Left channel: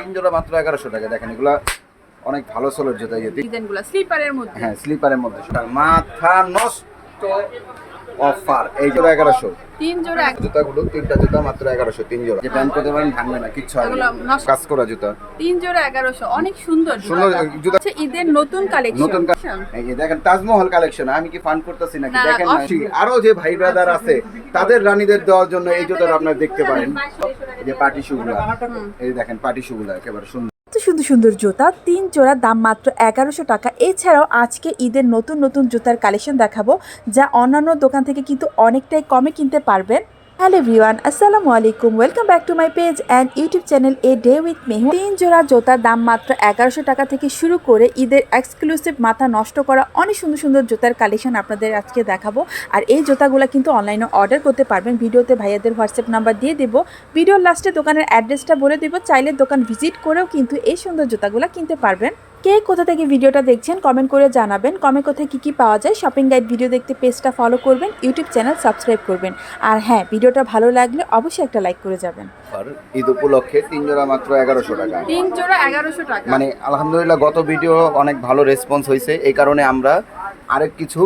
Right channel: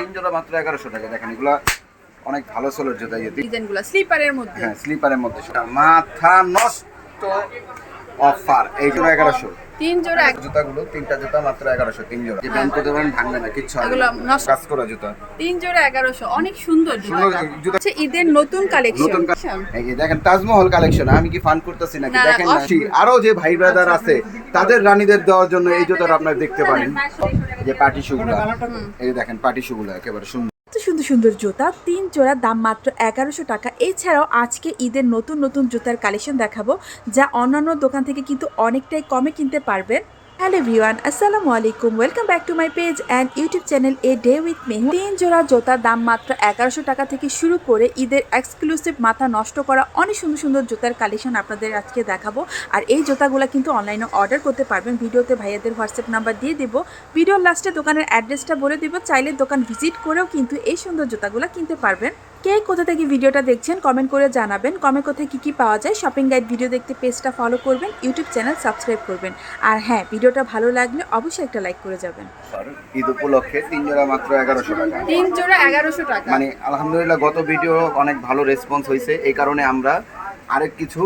তিন জোড়া মাত্র এগারোশো টাকা। দেখেন এগুলা অনেক ভালো সোলের জুতা এই যে তিন- ডিজাইনগুলো স্লিপারের মধ্যে। হ্যাঁ স্লিপারের মধ্যে। মাথা নষ্ট। অফার এই জোড়া এগারোশো। তিন জোড়া এক- জুতাগুলো তিনটা জুতা মাত্র এগারোশো তিন জোড়া। যে ব্যান্ড করতে পারেন ভাঙবে না কিচ্ছু কাজ করা জুতা। তিন জোড়া এগারোশো অনেক সুন্দর সুন্দর জুতা। ঈদের নতুন কালেকশন নতুন এই দেখেন তাজমহল কালেকশন আমি কি ফান করতেছি নাকি? না, না, দেখেন আরও যে ভাই ব্রাদার আছে তাদের রানীদের দেওয়ার জন্য এই জুতাটা আপনারা দেখতে পারেন। এই যে পার্টি শুগুলা এই দেখেন পার্টি শুগুলা একেবারে সুন্দর। সুন্দর জুতা, তিন জোড়া, দাম মাত্র এগারোশো টাকা। এছাড়াও আজকে ঈদের নতুন নতুন জুতার কালেকশন দেখাবো, যা অন্যান্য দোকান থেকে কিন্তু অনেকটাই কমে কিনতে পারবেন। হ্যালো ভিওয়ান আসসালামু আলাইকুম welcome back to my page and YouTube channel a day with Mehu তিন জোড়া জুতার দাম মাত্র এগারোশো টাকা থেকে শুরু করে ঈদের এক্সক্লুসিভ মাথা নষ্ট করা অনেক সুন্দর সুন্দর জুতার কালেকশন আপনাদের আজকে দেখাবো। আর এই জুতাগুলো কিন্তু অনলাইনে অর্ডার করতে পারবেন। ভিডিওতে ভাইয়াদের হোয়াটসঅ্যাপ নাম্বার দিয়ে দেবো। ভিডিওর লাস্টে দোকানের অ্যাড্রেসটা বলে দেবো। চাইলে দোকান ভিজিট করেও কিন্তু এই সুন্দর জুতাগুলো কিনতে পারবেন। কে কোথা থেকে ভিডিওটা দেখছেন কমেন্ট করে জানাবেন। কমে কোথায় কী কী পাওয়া যায় শপিং গাইড ভিডিও দেখতে পেজটা ফলো করবেন ইউটিউব চ্যানেল সাবস্ক্রাইব করবেন। আর হ্যাঁ ভিডিওটা ভালো লাগলে অবশ্যই একটা লাইক করে যাবেন। ঈদ উপলক্ষে তিন জোড়া মাত্র এগারোশো টাকা। তিন জোড়া এগারোশো টাকা। মানে আলহামদুলিল্লাহ গত ভিডিও অনেক ভালো রেসপন্স হয়েছে। এই কারণে আমরা আরেক কিছু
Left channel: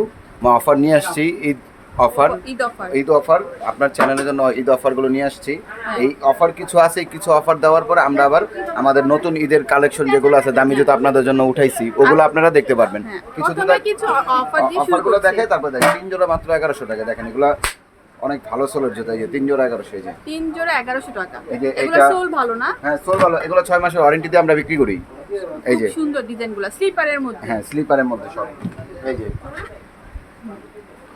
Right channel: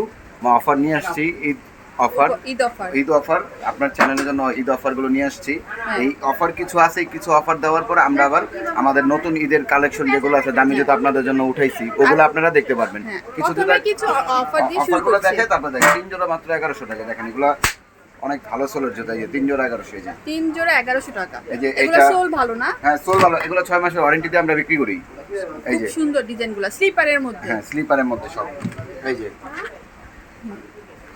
অফার নিয়ে আসছি Eid offer. Eid offer. Eid offer. আপনার চ্যানেলের জন্য ঈদ অফারগুলো নিয়ে আসছি। হ্যাঁ। এই অফার কিছু আছে কিছু অফার দেওয়ার পর আমরা আবার আমাদের নতুন ঈদের কালেকশন যেগুলো আছে দামি জুতো আপনাদের জন্য উঠাইছি ওগুলো আপনারা দেখতে পারবেন। হ্যাঁ। কিছু কিছু অফার দিয়ে শুরু অফারগুলো দেখে তারপর দেখেন তিন জোড়া মাত্র এগারোশো টাকা। দেখেন এগুলো অনেক ভালো সোলের জুতো এই যে তিন জোড়া এগারোশো এই যে। তিন জোড়া এগারোশো টাকা। এই যে এগুলো সোল ভালো না? হ্যাঁ সোল ভালো। এগুলো ছয় মাসের ওয়ারেন্টি দিয়ে আমরা বিক্রি করি। এই যে। সুন্দর ডিজাইনগুলো স্লিপারের মধ্যে। হ্যাঁ স্লিপারের মধ্যে সব। এই যে।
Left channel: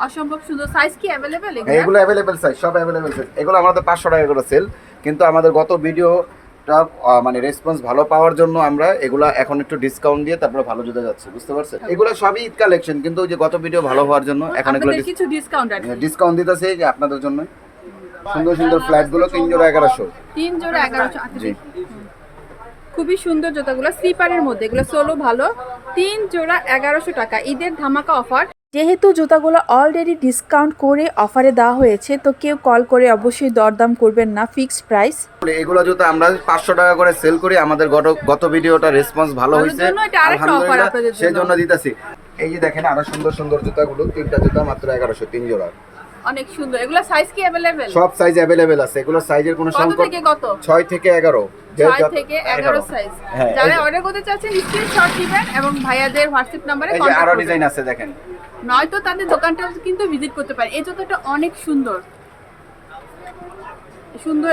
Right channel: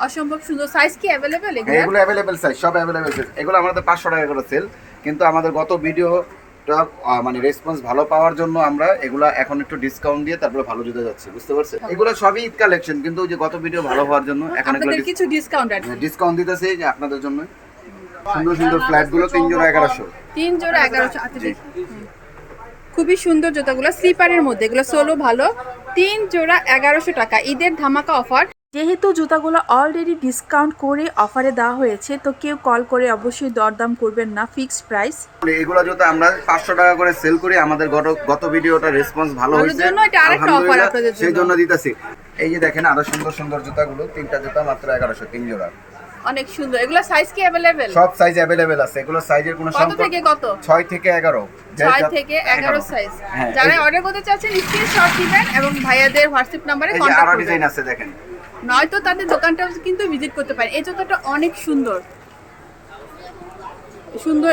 অসম্ভব সুন্দর সাইজ কি অ্যাভেলেবেল হ্যাঁ, এগুলো অ্যাভেলেবেল সাইজ সব অ্যাভেলেবেল সাইজ এগুলো আমাদের পাঁচশো টাকা করে সেল কিন্তু আমাদের গত ভিডিওটা মানে রেসপন্স ভালো পাওয়ার জন্য আমরা এগুলো এখন একটু ডিসকাউন্ট দিয়ে তারপরে ভালো জুতে যাচ্ছে বুঝতে পারছেন? এগুলো সবই ঈদ কালেকশন কিন্তু ওই যে গত ভিডিও ভালো হওয়ার জন্য এখন এগুলো কিছু ডিসকাউন্ট আছে। ডিসকাউন্ট দিতেছে যে আপনাদের জন্য। সুন্দর সুন্দর ফ্ল্যাটগুলো তিন জোড়া এগারোশো। তিন জোড়া এগারোশো আচ্ছা জি। হুম। খুবই সুন্দর জুতাগুলো স্লিপারের মধ্যে এগুলো সোলো ভালো। তিন জোড়া এগারোশো টাকা ঈদের ধামাকা অফার যেহেতু জুতাগুলো অলরেডি ডিসকাউন্ট করে অফারে দেওয়া হয়েছে তো কেউ কল করে অবশ্যই দরদাম করবেন না ফিক্সড প্রাইস এগুলো যদি আমরা পাঁচশো টাকা করে সেল করি আমাদের গত গত ভিডিওটা রেসপন্স ভালো হয়েছে। জন্য এটা আরেকটা অফার আপনাদের জন্য। সেই জন্য দিতেছি। এই যে দেখেন আরও সুন্দর সুন্দর জুতাগুলো তিনটা জুতা মাত্র এগারোশো তিন জোড়া। অনেক সুন্দর। এগুলো সাইজ কি অ্যাভেলেবেল সব সাইজ অ্যাভেলেবেল আছে। এগুলো সাইজের কোনো কত থেকে কত? ছয় থেকে এগারো। যে ছয় যত- থেকে এগারো। সাইজ হ্যাঁ, যারা অর্ডার করতে চাচ্ছেন স্ক্রিনশট দিবেন এবং ভাইয়াদের হোয়াটসঅ্যাপ নাম্বারে যে কন্ট্যাক্ট আরও ডিজাইন আছে দেখেন। নয়তো তাদের দোকানটা কিন্তু ভিজিট করতে পারেন এই জুতোটা অনেক সুন্দর। সুন্দর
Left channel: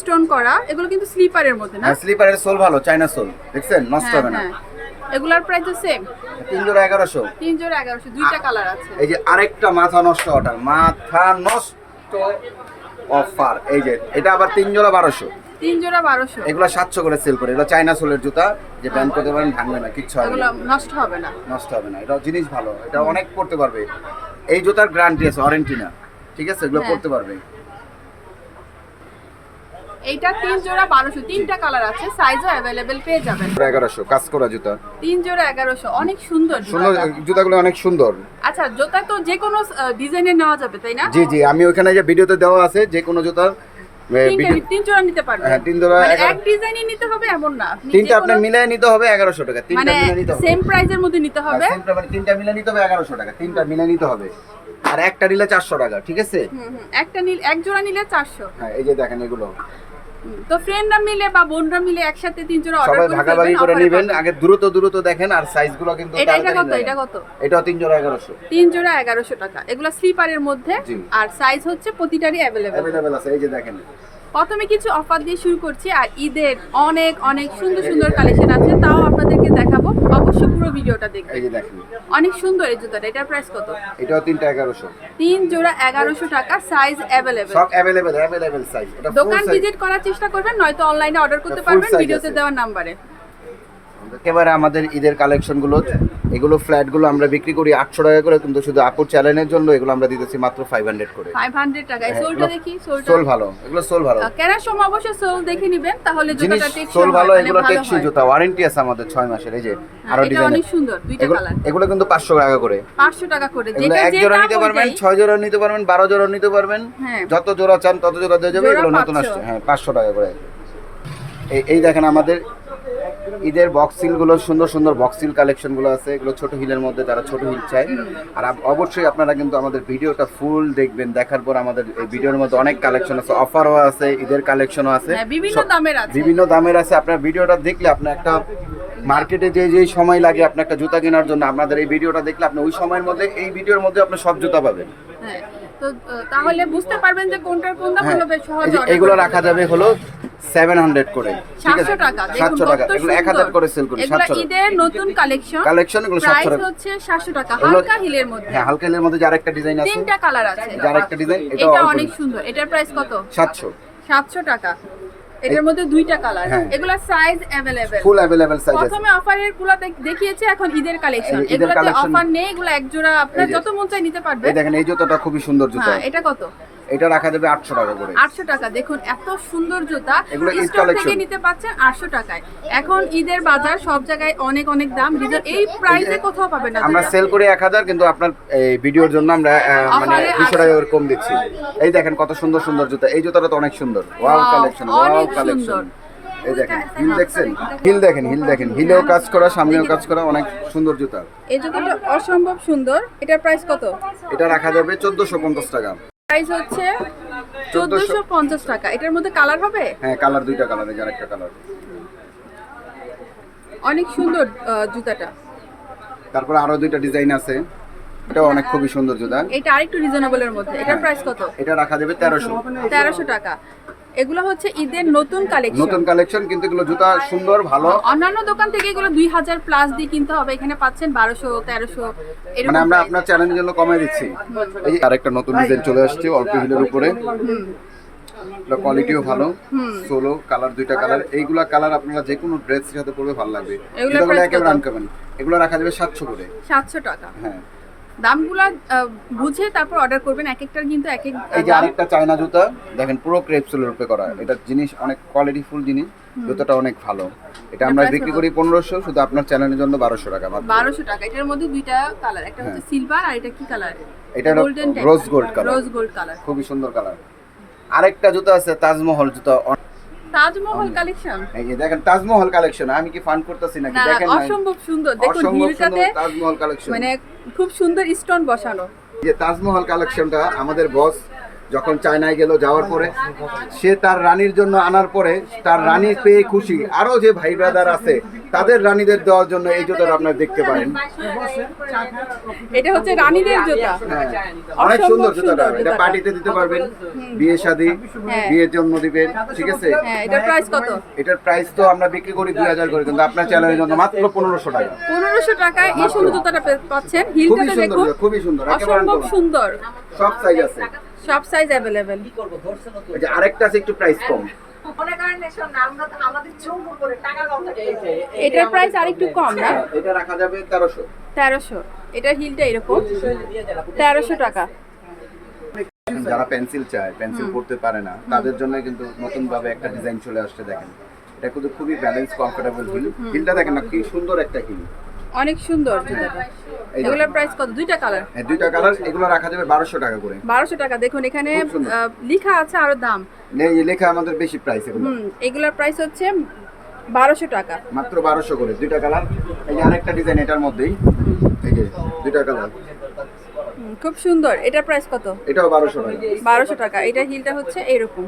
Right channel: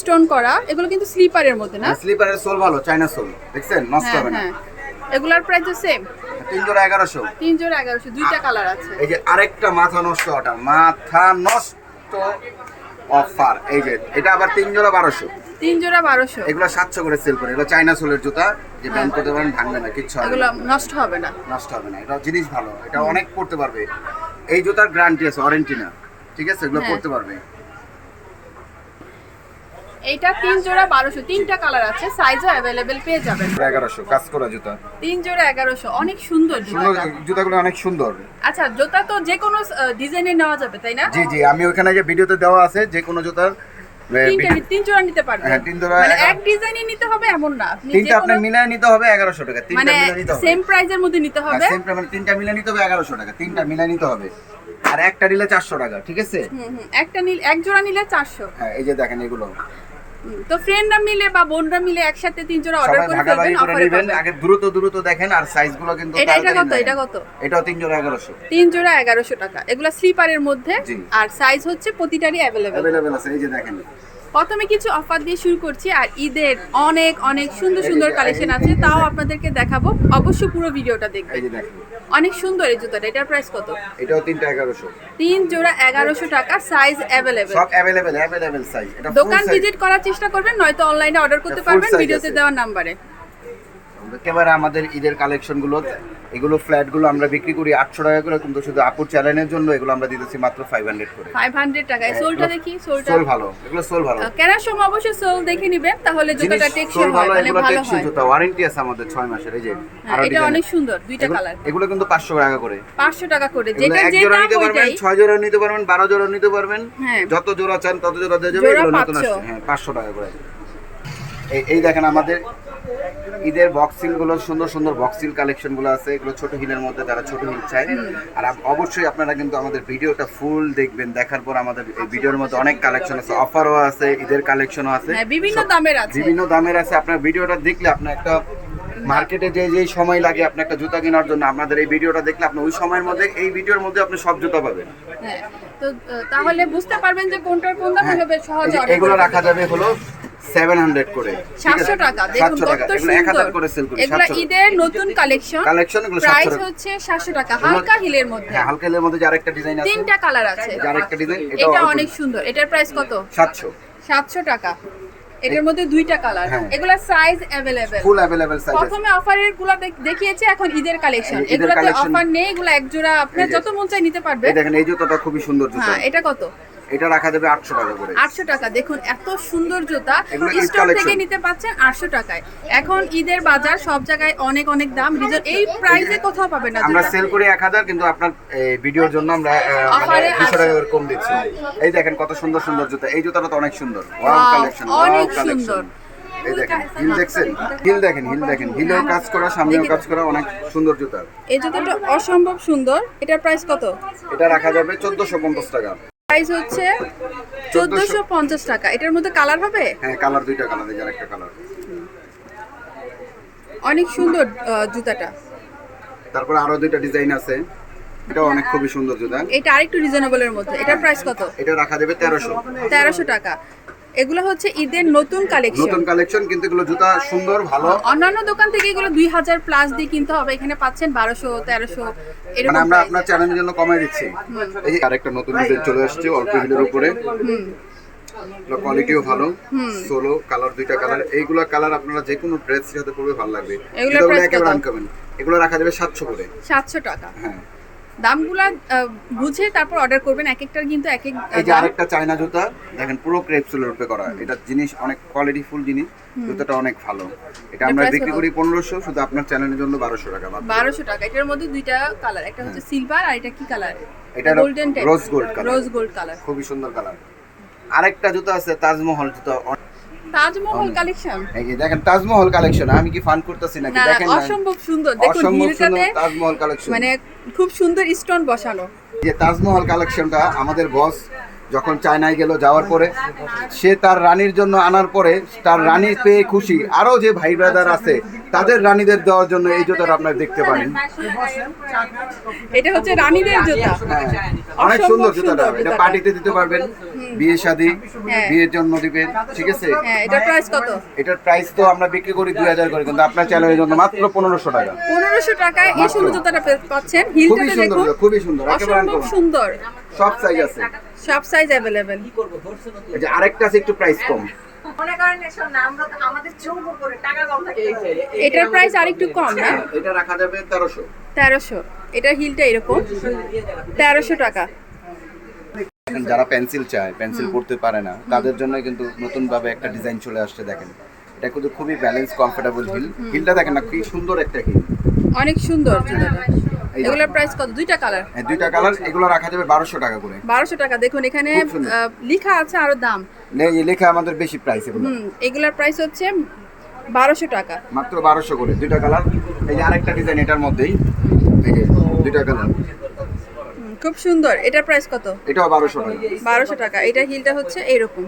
স্টোন করা। এগুলো কিন্তু স্লিপারের মধ্যে না? স্লিপারের সোল ভালো চাইনা সোল। দেখছেন? নষ্ট হ্যাঁ হবে না হ্যাঁ। এগুলার প্রাইস সেম তিন জোড়া এগারোশো। তিন জোড়া এগারোশো। দুইটা কালার আছে। এই যে আরেকটা মাথা নষ্ট অর্ডার। মাথা নষ্ট অফার। এই যে এটা আবার তিন জোড়া বারোশো। তিন জোড়া বারোশো। এগুলো সাতশো করে সেল করে। এগুলো চাইনা সোলের জুতা যে ব্যান্ড করতে পারেন ভাঙবে না কিচ্ছু হবে এগুলো না। নষ্ট হবে না। নষ্ট হবে না। এটা জিনিস ভালো। এটা অনেক পড়তে পারবে। এই জুতার গ্যারান্টি আছে ওয়ারেন্টি না। ঠিক আছে? এগুলো হ্যাঁ। পড়তে পারবে। এইটা তিন জোড়া বারোশো। তিনটা কালার আছে সাইজও অ্যাভেলেবেল পেয়ে যাবেন। এগারোশো কাজ করা জুতা। তিন জোড়া এগারোশো। অনেক সুন্দর জুতাগুলো অনেক সুন্দর। আচ্ছা জুতা তো যে কোনো ডিজাইনের নেওয়া যাবে তাই না? জি জি। আমি ওখানে যে ভিডিওতে দেওয়া আছে যে কোনো জুতার তিন জোড়া নিতে পারবেন হ্যাঁ, তিন জোড়া মানে এক ডিজাইনই নিতে হবে এমন না। আপনি তিনটা যে আপনার কোনো নিতে হবে এগারোশো টাকা তিনটা মানে নিতে হবে। সেম প্রাইজের মধ্যে নিতে হবে। time মানে তিনটা মিলিয়ে নিতে হবে এগারোশো টাকা তিনটা মিলিয়ে নিতে হবে। আর একটা নিলে চারশো টাকা ঠিক আছে? হুম, হুম, একটা নিলে এক জোড়া নিলে চারশো। হ্যাঁ এই যে দেখেন এগুলো। তো ফ্রেন্ডরা মিলে বা বোনরা মিলে একসাথে তিন জোড়া অর্ডার করে ফেলবেন করে নেবেন। আগে দ্রুত দ্রুত দেখেন আর সাইজগুলো কিন্তু এটা এটা কত? এটা কত? এটা তিন জোড়া এগারোশো। তিন জোড়া এগারোশো টাকা। এগুলা স্লিপারের মধ্যে আর সাইজ হচ্ছে প্রতিটারই অ্যাভেলেবেল অ্যাভেলেবেল আছে। এই যে দেখেন। প্রথমে কিছু অফার দিয়ে শুরু করছি আর ঈদের অনেক অনেক সুন্দর সুন্দর কালেকশন আছে তাও আপনাদেরকে দেখাবো। অবশ্যই পুরো ভিডিওটা দেখবেন। অনেক সুন্দর এই জুতাটা এটার প্রাইস কত? এটাও তিনটা এগারোশো। তিন জোড়া এগারোশো টাকা সাইজ অ্যাভেলেবেল সব অ্যাভেলেবেল অ্যাভেলেবেল সাইজ এটা দোকান ভিজিট করার চেষ্টা করবেন নয়তো অনলাইনে অর্ডার করতে পারবেন ভিডিওতে দেওয়া দেওয়ার নাম্বারে একেবারে আমাদের ঈদের কালেকশনগুলো এগুলো ফ্ল্যাটগুলো আমরা বিক্রি করি আটশো টাকা করে কিন্তু শুধু আপুর চ্যানেলের জন্য এগুলো আমরা দিতেছি মাত্র ফাইভ হান্ড্রেড করে। ফাইভ হান্ড্রেড টাকায় সোলটা দেখি সোলটা? সোল ভালো এগুলো সোল ভালো। কেনার সময় অবশ্যই সোল দেখে নিবেন তাহলে জুতাটা টেকসই হয় মানে ভালো হয়। জুতা ওয়ারেন্টি আছে আমাদের ছয় মাসের এই যে হ্যাঁ, এটা অনেক সুন্দর দুইটা কালার এগুলো কিন্তু পাঁচশো টাকা করে। পাঁচশো টাকা করে যেটা যে দাম নিতে পারবেন ওইটাই ছয় জোড়া নিতে পারবেন বারো জোড়া নিতে পারবেন। হ্যাঁ। যত জোড়া চান তত জোড়া দিয়ে যাবে এগুলো নতুন 500 আসছে। হ্যাঁ পাঁচশো টাকা করে। এই দেখেন আমাদের ঈদের বক্সিলগুলো সুন্দর সুন্দর বক্সিল কালেকশনগুলো আছে। এগুলো ছোট হিলের মধ্যে যারা ছোট হিল চায়। আর অবশ্যই আপনারা কিন্তু আমাদের ভিডিওটা ফুল দেখবেন দেখার পর আমাদের এই ভিডিওর মধ্যে অনেক কালেকশন আছে। অফারও আছে ঈদের কালেকশনও আছে। হ্যাঁ, বিভিন্ন দামের আছে। বিভিন্ন দামের আছে। আপনার ভিডিওটা দেখলে আপনার একটা মার্কেটে যে যে সময় লাগে আপনার একটা জুতা কেনার জন্য আপনাদের এই ভিডিওটা দেখলে আপনি ওই সময়ের মধ্যে এই ভিডিওর মধ্যে আপনি সব জুতা পাবেন। হ্যাঁ তো তাহলে বুঝতে পারবেন যে কোনটার কোন দাম হ্যাঁ, সহজে এগুলো রাখা যাবে হলো সেভেন হান্ড্রেড করে ঠিক আছে? 700 টাকা দেখুন 700 টাকা কত এগুলো এক হাজার করে সেল সুন্দর করি এগুলো 700 ঈদের নতুন কালেকশন কালেকশন এগুলো প্রাইস 700 টাকা হচ্ছে 700 টাকা এগুলো- হালকা হিলের মধ্যে হ্যাঁ হালকা হিলের মধ্যে যে আরেকটা ডিজাইন আছে তিনটা কালার আছে যে আরেকটা ডিজাইন এটা এটা অনেক সুন্দর এটার প্রাইস কত 700 700 টাকা এটার মধ্যে দুইটা কালার হ্যাঁ। এগুলা size available full available size আছে প্রথমে অফারের গুলা দেখ- দেখিয়েছে এখন ঈদের কালেকশন এই ঈদের এগুলাতে collection- অফার নেই এগুলো এক জোড়া আপনার এই যে- যত মন চাই নিতে পারবে এই দেখেন এই জুতোটা খুবই সুন্দর জুতো হ্যাঁ এটা কত এটা রাখা যাবে 800 টাকা করে। আটশো টাকা। দেখুন এত সুন্দর জুতা স্টোর থেকে নিতে পাচ্ছেন আটশো টাকায়। এখন ঈদের বাজার সব জায়গায় অনেক অনেক দাম। রিজন এই প্রাইসে কোথাও পাবেন না আমরা সেল করে 1000 কিন্তু আপনার ভিডিওর জন্য আমরা মানে Offer-এ 200 টাকা কম দিচ্ছি। এই দেখেন কত সুন্দর সুন্দর জুতো। এই জুতোটা তো অনেক সুন্দর। ওয়াও কালেকশন অনেক সুন্দর। এই দেখেন হিল দেখছেন? হিল দেখেন হিল দেখেন। হিলেও কাজ করা সামনেও কাজ করা অনেক সুন্দর জুতা। এই জুতোটা অসম্ভব সুন্দর। এটার প্রাইস কত? এটা রাখা যাবে 1450 টাকা। প্রাইস হচ্ছে চোদ্দশো। পঞ্চাশ টাকা। এটার মধ্যে কালার হবে? হ্যাঁ কালার দুইটা কালার আছে আরেকটা কালার অনেক সুন্দর জুতাটা। তারপর আরও দুইটা ডিজাইন আছে। এটা অনেক খুবই সুন্দর জুতা। এটা আরেকটু রিজনেবলের মধ্যে। এটার প্রাইস কত? এটা রাখা যাবে 1300 তেরোশো টাকা। এগুলো হচ্ছে ঈদের নতুন কালেকশন নতুন কালেকশন কিন্তু এগুলো জুতা সুন্দর ভালো। অন্যান্য দোকান থেকে এগুলো দুই হাজার প্লাস দিয়ে কিনতে হবে। এখানে পাচ্ছেন বারোশো তেরোশো মানে আমরা আপনার চ্যানেলের জন্য কমাই দিচ্ছি। এই যে আরেকটা নতুন ডিজাইন চলে আসছে অল্প হিলের উপরে। হুম। কোয়ালিটিও ভালো। সোলো কালার দুইটা কালার এইগুলা কালার আপনারা যে কোনো ড্রেস সাথে পরবে ভালো লাগবে। এগুলো একেবারে আনকমন এগুলো রাখা যাবে 700 করে। সাতশো টাকা। হ্যাঁ। দামগুলা বুঝে তারপর অর্ডার করবেন। এক একটার কিন্তু এক এক এই যে আরেকটা চায়না জুতা দেখেন পুরো ক্রেপসুলের উপরে করা। এটা জিনিস অনেক কোয়ালিটি ফুল জিনিস জুতাটা অনেক ভালো। এটা আমরা বিক্রি করি 1500 শুধু আপনার চ্যানেলের জন্য 1200 টাকা। বারোশো টাকা। এটার মধ্যে দুইটা কালার একটা হচ্ছে সিলভার আর এটা কি কালার এটা golden rose gold color। Rose gold colour খুবই সুন্দর কালার আরেকটা জুতা আছে তাজমহল জুতা। তাজমহল কালেকশন। এই যে দেখেন তাজমহল কালেকশন আমি কি ফান করতেছি নাকি? দেখেন না? অসম্ভব সুন্দর। দেখুন হিলটাতে তাজমহল কালেকশন। মানে খুব সুন্দর স্টোন বসানো। যে তাজমহল কালেকশনটা আমাদের বস যখন চায়নায় গেল যাওয়ার পরে সে তার রানীর জন্য আনার পরে তার রানী পেয়ে খুশি। আরও যে ভাই ব্রাদার আছে তাদের রানীদের দেওয়ার জন্য এই জুতোটা আপনারা দেখতে পারেন। এটা হচ্ছে রানীদের জুতা। হ্যাঁ, অনেক সুন্দর জুতাটা। এটা পার্টিতে দিতে পারবেন। বিয়ে শাদী হ্যাঁ। বিয়ের জন্য দিবেন ঠিক আছে? হ্যাঁ এটার প্রাইস কত? এটার প্রাইস তো আমরা বিক্রি করি দুই হাজার করে কিন্তু আপনার চ্যানেলের জন্য মাত্র পনেরোশো টাকা। পনেরোশো টাকায় এই সুন্দর জুতাটা পাচ্ছেন। খুবই সুন্দর দেখুন। খুবই সুন্দর অসম্ভব সুন্দর। সব সাইজ আছে। সব সাইজ অ্যাভেলেবেল এই যে আরেকটা আছে একটু প্রাইস কম। মনে করেন এসব না আমরা তো আমাদের চৌক করে টাকা কম থাকে। এটার প্রাইস আরেকটু কম না? এটা রাখা যাবে তেরোশো। তেরোশো। এটার হিলটা এরকম। তেরোশো টাকা। যারা পেন্সিল চায় পেন্সিল পড়তে পারে না তাদের জন্য কিন্তু নতুন ভাবে একটা ডিজাইন চলে আসছে দেখেন। এটা কিন্তু খুবই ব্যালেন্স কমফোর্টেবল হিল হিলটা দেখেন না কি সুন্দর একটা হিল অনেক সুন্দর। জুতাটা। এগুলোর প্রাইস কত? দুইটা কালার এই দুইটা কালার এগুলো রাখা যাবে বারোশো টাকা করে। বারোশো টাকা। দেখুন এখানে লেখা আছে আরও দাম। লেখা আমাদের বেশি প্রাইস এগুলো। হুম এগুলোর প্রাইস হচ্ছে বারোশো টাকা। মাত্র বারোশো করে দুইটা কালার এই যে আরেকটা ডিজাইন এটার মধ্যেই এই যে দুইটা কালার খুব সুন্দর। এটার প্রাইস কত? এটাও বারোশো টাকা। বারোশো টাকা। এটা হিলটা হচ্ছে এইরকম।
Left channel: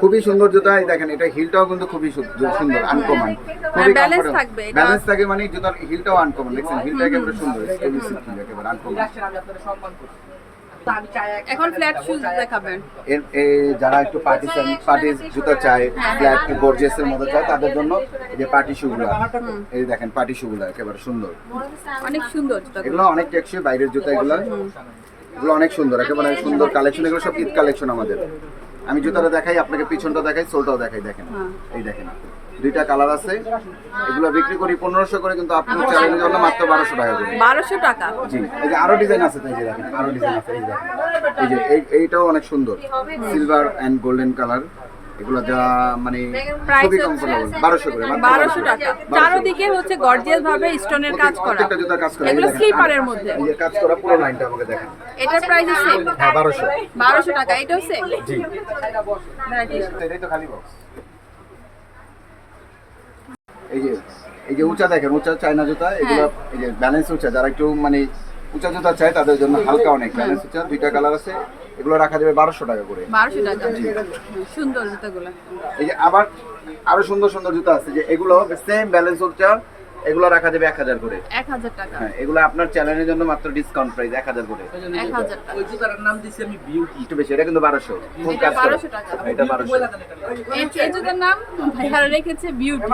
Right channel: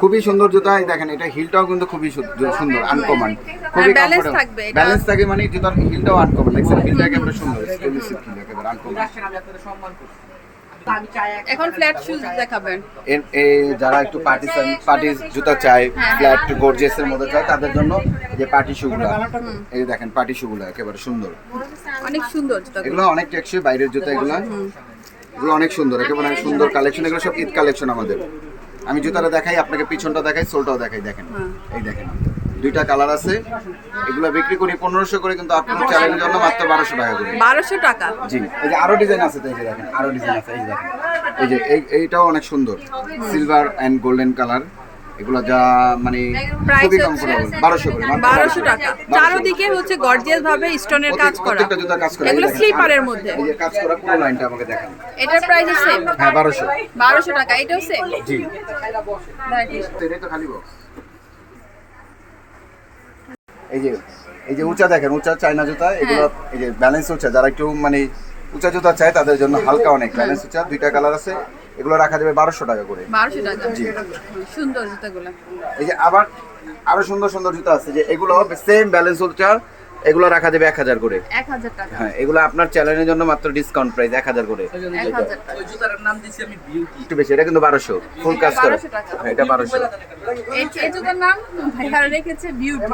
খুবই সুন্দর জুতা এই দেখেন এটা হিলটাও কিন্তু খুবই সুন্দর আনকমন খুবই balance থাকবে এটা। ব্যালেন্স থাকে মানে জুতার হিলটাও আনকমন দেখছেন? হিলটা একেবারে সুন্দর একেবারে আনকমন এখন ফ্ল্যাট শুজ দেখাবেন। এই যারা একটু পার্টি পার্টি জুতা চায় হ্যাঁ, ফ্ল্যাট গর্জিয়াস এর মধ্যে চায় তাদের জন্য যে পার্টি শুগুলা এই দেখেন পার্টি শুগুলা একেবারে সুন্দর। অনেক সুন্দর এগুলো অনেক টেকসই বাইরের জুতা এগুলো। এগুলো অনেক সুন্দর একেবারে সুন্দর কালেকশন এগুলো সব ঈদ কালেকশন আমাদের। আমি জুতাটা দেখাই আপনাকে পিছনটা দেখাই সোলটাও দেখাই দেখেন। হ্যাঁ। এই দেখেন দুইটা কালার আছে। এগুলো বিক্রি করি পনেরোশো করে কিন্তু আপনি চ্যানেলের জন্য মাত্র বারোশো টাকা করে। বারোশো টাকা? জি এই যে আরও ডিজাইন আছে তাই যে দেখেন আরও ডিজাইন আছে এই দেখেন। এই যে এই এইটাও অনেক সুন্দর। সিলভার অ্যান্ড গোল্ডেন কালার এগুলো যা মানে খুবই বারোশো করে বারোশো টাকা। 1200 চারোদিকে হচ্ছে গর্জিয়াস ভাবে স্টোনের কাজ করা। প্রত্যেকটা জুতা কাজ করা। এগুলো স্লিপারের মধ্যে। এই যে কাজ করা পুরো লাইনটা আমাকে দেখেন। এটার প্রাইস সেম হ্যাঁ বারোশো। বারোশো টাকা। এটাও সেম জি। এটাই তো খালি বক্স এই যে এই যে উঁচা দেখেন উঁচা চায়না জুতা। এগুলো এই যে ব্যালেন্স উঁচা। যারা একটু মানে উঁচা জুতা চায় তাদের জন্য হালকা অনেক। ব্যালেন্স উঁচা দুইটা কালার আছে। এগুলো রাখা যাবে বারোশো টাকা করে। বারোশো টাকা? সুন্দর জুতাগুলো। এই যে আবার আরও সুন্দর সুন্দর জুতা আছে যে এগুলো সেম ব্যালেন্স উঁচা এগুলো রাখা যাবে এক হাজার করে। এক হাজার টাকা। হ্যাঁ এগুলো আপনার চ্যানেলের জন্য মাত্র ডিসকাউন্ট প্রাইস এক হাজার করে। এক হাজার টাকা। একটু বেশি এটা কিন্তু বারোশো। ফুল কাজ করে। 1200 টাকা। হ্যাঁ, এটা বারোশো। এই এই জুতার নাম ভাইয়ার রেখেছে বিউটি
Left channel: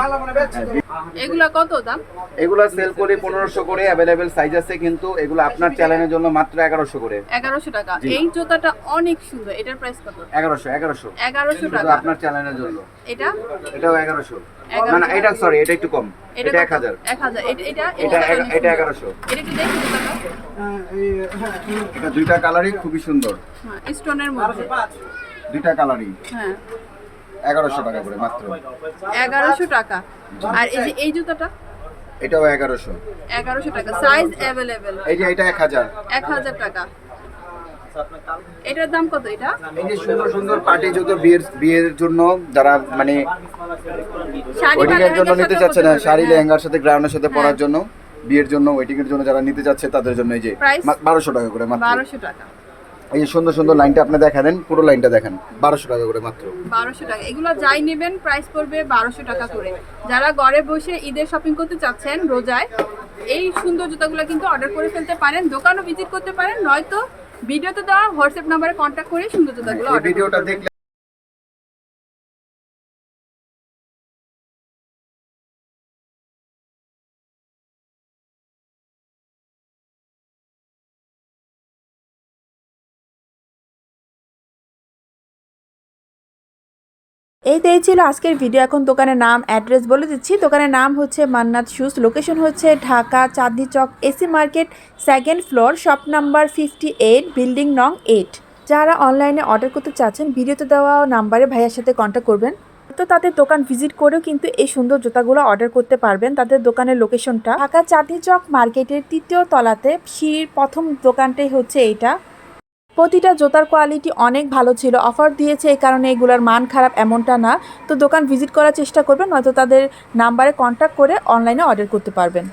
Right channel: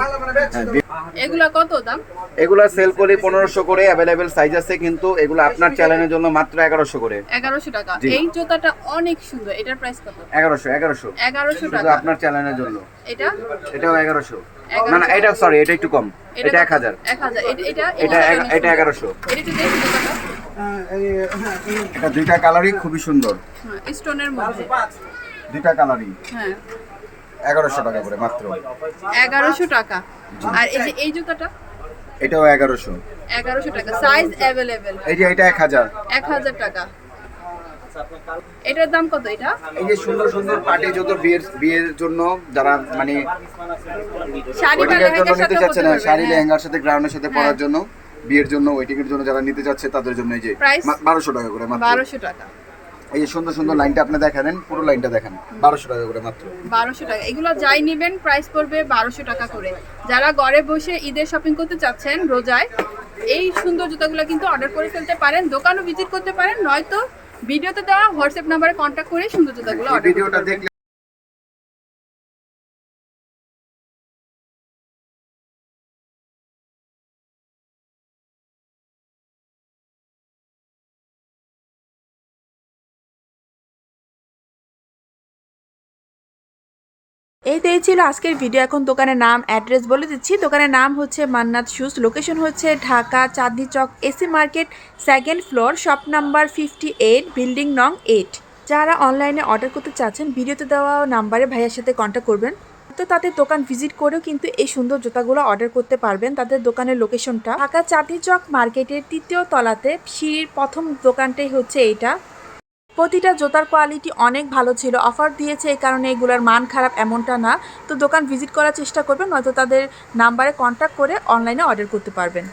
এগুলা কত দাম? এগুলো সেল করি পনেরোশো করে অ্যাভেলেবেল সাইজ আছে কিন্তু এগুলো আপনার চ্যানেলের জন্য মাত্র এগারোশো করে। এগারোশো টাকা। এই জুতাটা অনেক সুন্দর। এটার প্রাইস কত? এগারোশো এগারোশো। এগারোশো শুধু টাকা। আপনার চ্যানেলের জন্য। এটা? এটাও এগারোশো। 1100 না না এটা সরি এটা একটু কম। এটা কত? এক হাজার। এক হাজার। এটা এটা এই এটা জুতাটা এক- অনেক এটা একটু দেখি দুইটা কালারই খুবই সুন্দর। হ্যাঁ স্টোনের মধ্যে। দুইটা কালারই হ্যাঁ। এগারোশো টাকা করে মাত্র। এগারোশো টাকা। আর এই যে এই জুতাটা? এটাও এগারোশো। এগারোশো টাকা। সাইজ অ্যাভেলেবেল এই যে এটা এক হাজার। এক হাজার টাকা। এটার দাম কত এটা? এই যে সুন্দর সুন্দর পার্টি যত বিয়ের বিয়ের জন্য যারা মানে শাড়ি বা জন্য লেহেঙ্গার নিতে সাথে চাচ্ছে না শাড়ি হ্যাঁ। লেহেঙ্গার সাথে গ্রাউন্ডের সাথে পরার হ্যাঁ। জন্য বিয়ের জন্য ওয়েডিং এর জন্য যারা নিতে চাচ্ছে তাদের জন্য এই যে? বারোশো টাকা করে মাত্র। বারোশো টাকা। এই যে সুন্দর সুন্দর লাইনটা আপনি দেখালেন পুরো লাইনটা দেখেন বারোশো টাকা করে মাত্র। বারোশো টাকা। এগুলো যাই নেবেন প্রাইস পড়বে বারোশো টাকা করে। যারা ঘরে বসে ঈদের শপিং করতে চাচ্ছেন রোজায় এই সুন্দর জুতাগুলো কিন্তু অর্ডার করে ফেলতে পারেন দোকানও ভিজিট করতে পারেন নয়তো ভিডিওতে দেওয়া হোয়াটসঅ্যাপ নাম্বারে কন্ট্যাক্ট করে সুন্দর জুতাগুলো অর্ডার করতে পারবেন। দেখলে এই তো এই ছিল আজকের ভিডিও এখন দোকানের নাম অ্যাড্রেস বলে দিচ্ছি। দোকানের নাম হচ্ছে মান্নাত শুজ লোকেশন হচ্ছে Dhaka, Chandni Chowk AC market second floor shop number fifty eight building নং এইট যারা অনলাইনে অর্ডার করতে চাচ্ছেন, ভিডিওতে দেওয়া নাম্বারে ভাইয়ার সাথে কন্ট্যাক্ট করবেন। তো তাদের দোকান ভিজিট করেও কিন্তু এই সুন্দর জুতাগুলো অর্ডার করতে পারবেন। তাদের দোকানের লোকেশনটা ঢাকা, চাঁদনি চক মার্কেটের তৃতীয় তলাতে। সিঁড়ির প্রথম দোকানটাই হচ্ছে এইটা। প্রতিটা জুতার কোয়ালিটি অনেক ভালো ছিল। অফার দিয়েছে এই কারণে এগুলোর মান খারাপ এমনটা না। তো দোকান ভিজিট করার চেষ্টা করবেন, নয়তো তাদের নাম্বারে কন্ট্যাক্ট করে অনলাইনে অর্ডার করতে পারবেন।